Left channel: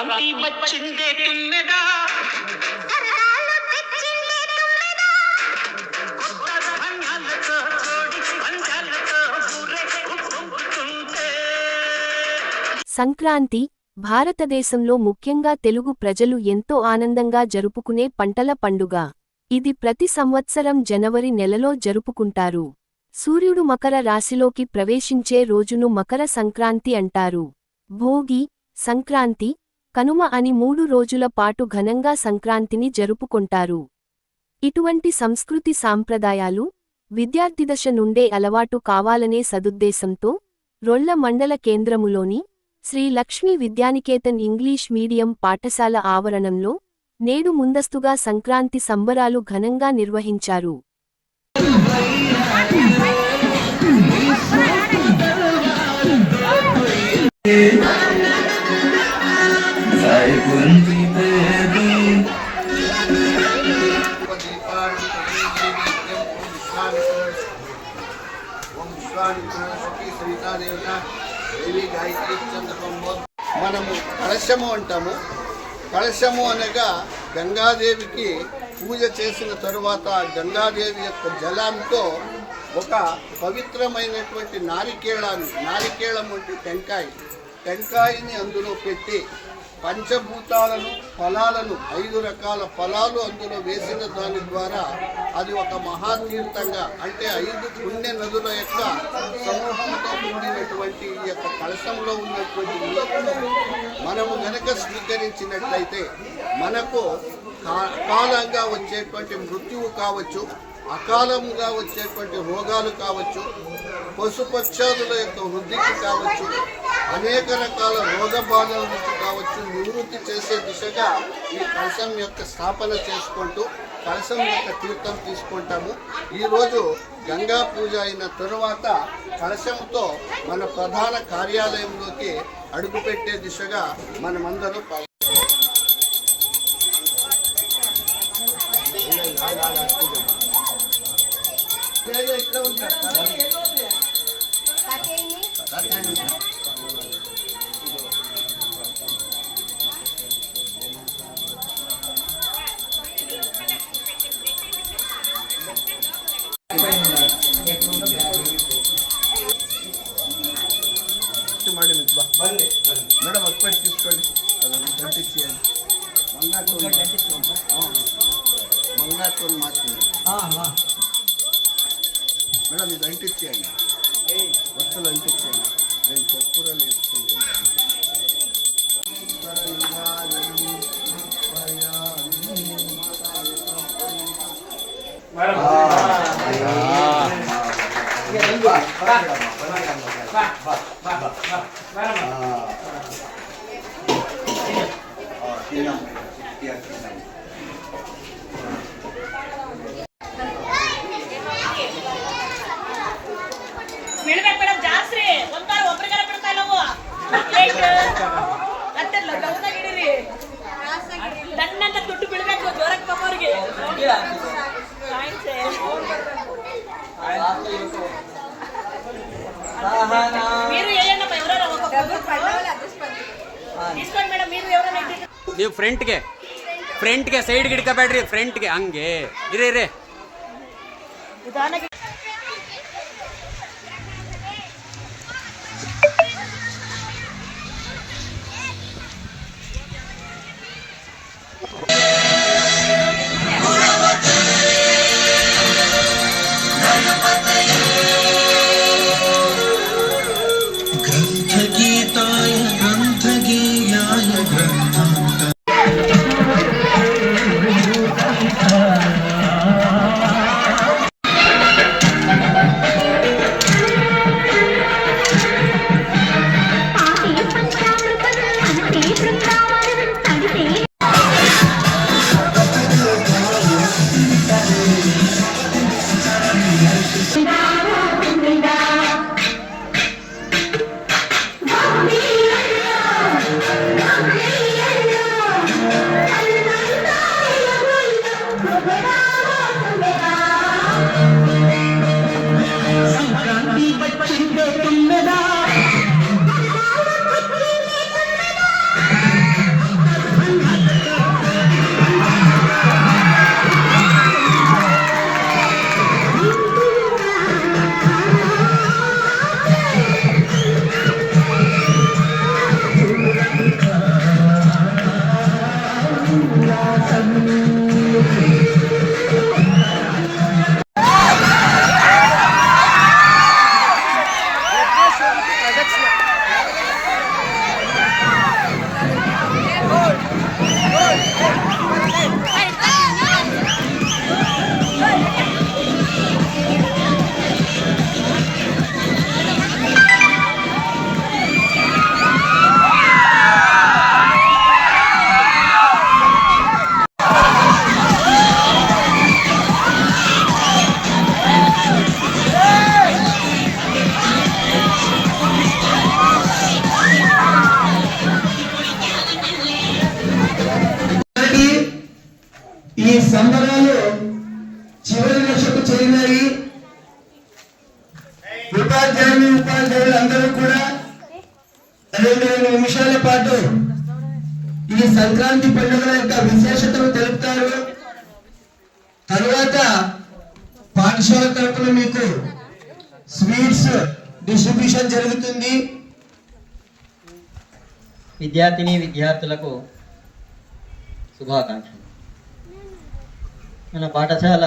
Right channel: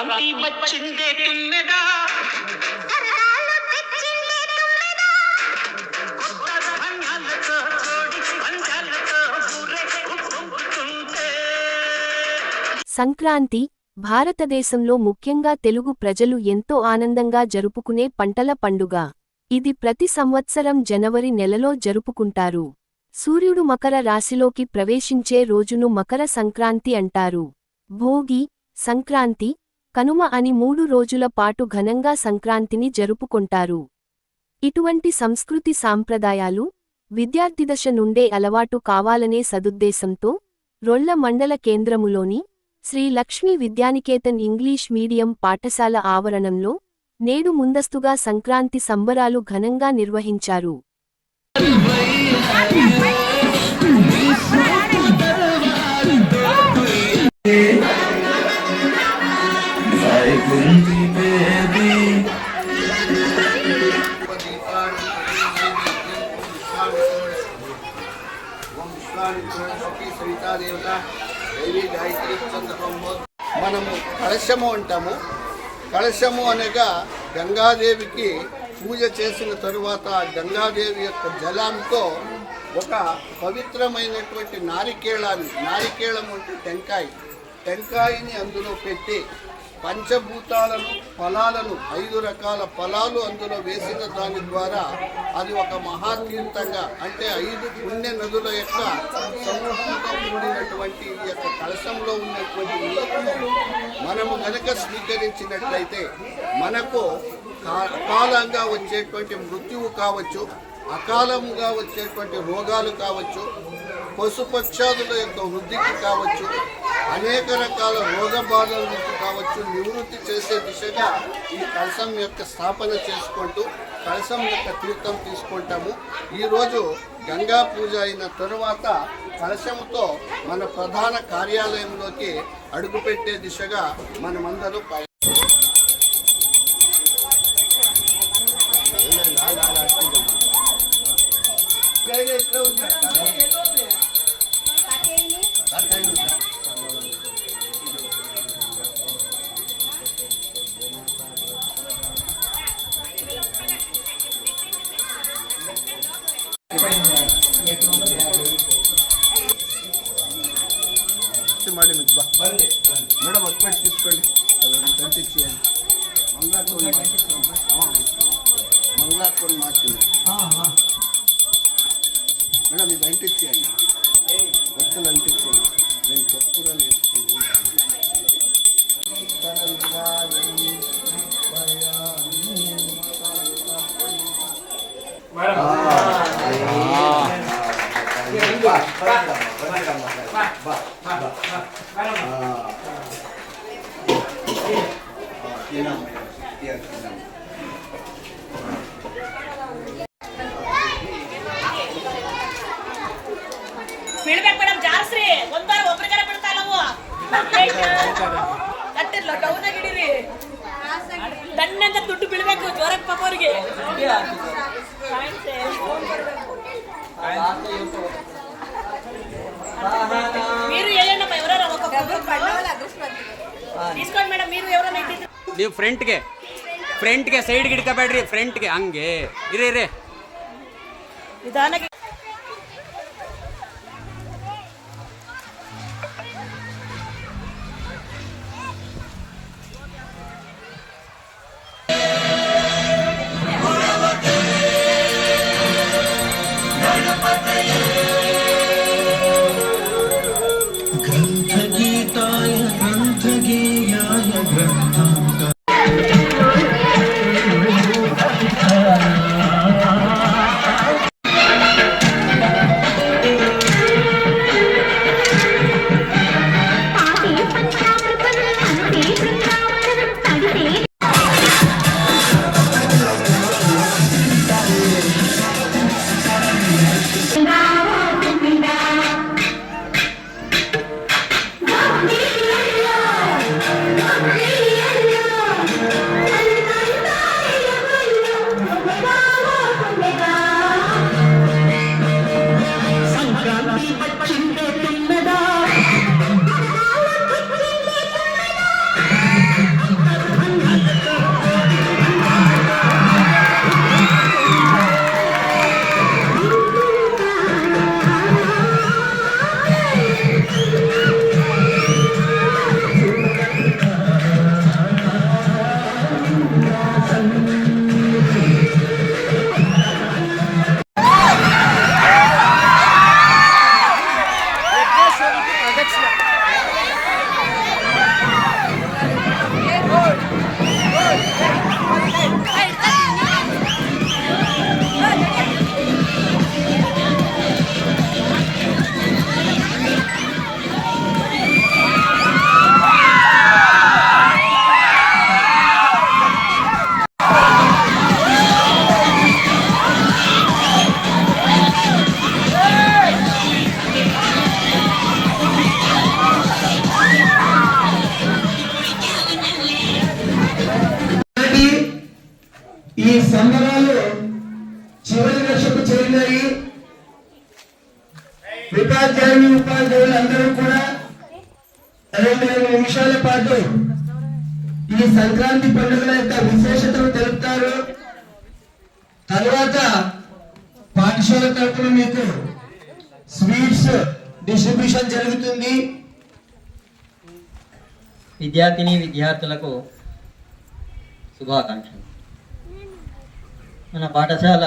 సంక్రాంతి వచ్చిందే తుమ్మెదా ధాన్యాలతో కోడి పంచాలతో ఊరే ఉప్పొంగుతుంటే. సంక్రాంతి భారతదేశంలో ముఖ్యంగా తెలుగు ప్రజలు ఎంతో ఆనందంగా జరుపుకునే పంటల పండుగ. ఇది ప్రతి సంవత్సరం జనవరి నెలలో జరుపుకుంటారు. సూర్యుడు మకర రాశిలోకి ప్రవేశించే రోజును మకర సంక్రాంతి అంటారు. భోగి, సంక్రాంతి, కనుమ అని 3 రోజుల పాటు ఘనంగా సంక్రాంతిని జరుపుకొంటారు. ఇటువంటి సంస్కృతి సాంప్రదాయాలు విద్యార్థిదశ నుండే అలవాటు కావాలనే సదుద్దేశంతో రొళ్ల మండల కేంద్రములోని శ్రీ లక్ష్మీ విద్యానికేతన్ ఇంగ్లీష్ మీడియం పాఠశాల ఆవరణంలో నేడు ముందస్తుగా సంక్రాంతి సంబరాలు ఘనంగా నిర్వహించారు. మనము కలశము అంటాము. కలశము అనగా గంగాదేవికి పూజ చేసిన తరువాత గంగాదేవి యొక్క జలంతో ఒక పవిత్రమైనటువంటి నారికేళం అంటే టెంకాయని అందులో పెట్టి పంచభూతాలను ఫలాలను 5 రకాల ఫలాలు అందులో వేసిన దాని ద్వారా అది ఒక మహాతీర్థంగా అంటే 5 పుణ్య నదుల యొక్క సమూహంతో కూడినటువంటి ఈ యొక్క కలశంలో ఉన్నటువంటి నీటిని మనము కనుక స్వీకరించినట్లయితే మనకు అకాలంగా వచ్చేటువంటి మృత్యువు కావచ్చు, అకాలముగా వచ్చేటువంటి రోగాలు కావచ్చు, పశుపక్షాదుల యొక్క వృద్ధికి కావచ్చు, అనేక రకాల రోగ బాధల నుంచి కావచ్చు నివృత్తి చేసే దిశగా ఈ కలశం యొక్క స్థాపన చేసుకుంటూ కలశం యొక్క తీర్థం తీసుకుంటాము. ఈరోజు గంగా పూజ అయిన తరువాత కలశంతో మన ప్రధాన కార్యాలయంలోకి అడుగుపెట్టే దిశగా మనమందరూ మేడం ఒక్కటి తీసుకోండి, అది కంటించేయండి. మంగాకొని మార్చింది మేడం, ఇది అంటించేయండి, ఒత్తులు అంటించేయండి. నేను చెప్పురాలు వేసుకోండి. ದುಡ್ಡು ಬಿಡಬೇಕು ಜೋರಕ್ಕೆ ನೀವು ಫ್ರಂಟ್ಗೆ ಸೈಡ್ಗೆ ಹಿಡ್ಕೋಬೇಡ್ರಿ, ಫ್ರಂಟ್ಗೆ ಹಂಗೆ ಇರೇ ನಿಧಾನಕ್ಕೆ. ఈ సంబరాలు చివరి దశకు చేరినాయి. ఉపాధ్యాయులు అందరూ కూడా 2 నిమిషాల పాటు ఈ సంక్రాంతి పండుగల యొక్క విశేషతను తెలుపుతారు. తర్వాత పాఠశాల తరఫున మీకు స్వీట్స్ డిస్ట్రిబ్యూషన్ జరుగుతుంది. విద్యార్థులకు శుభాకాంక్షలు. మన పాఠశాల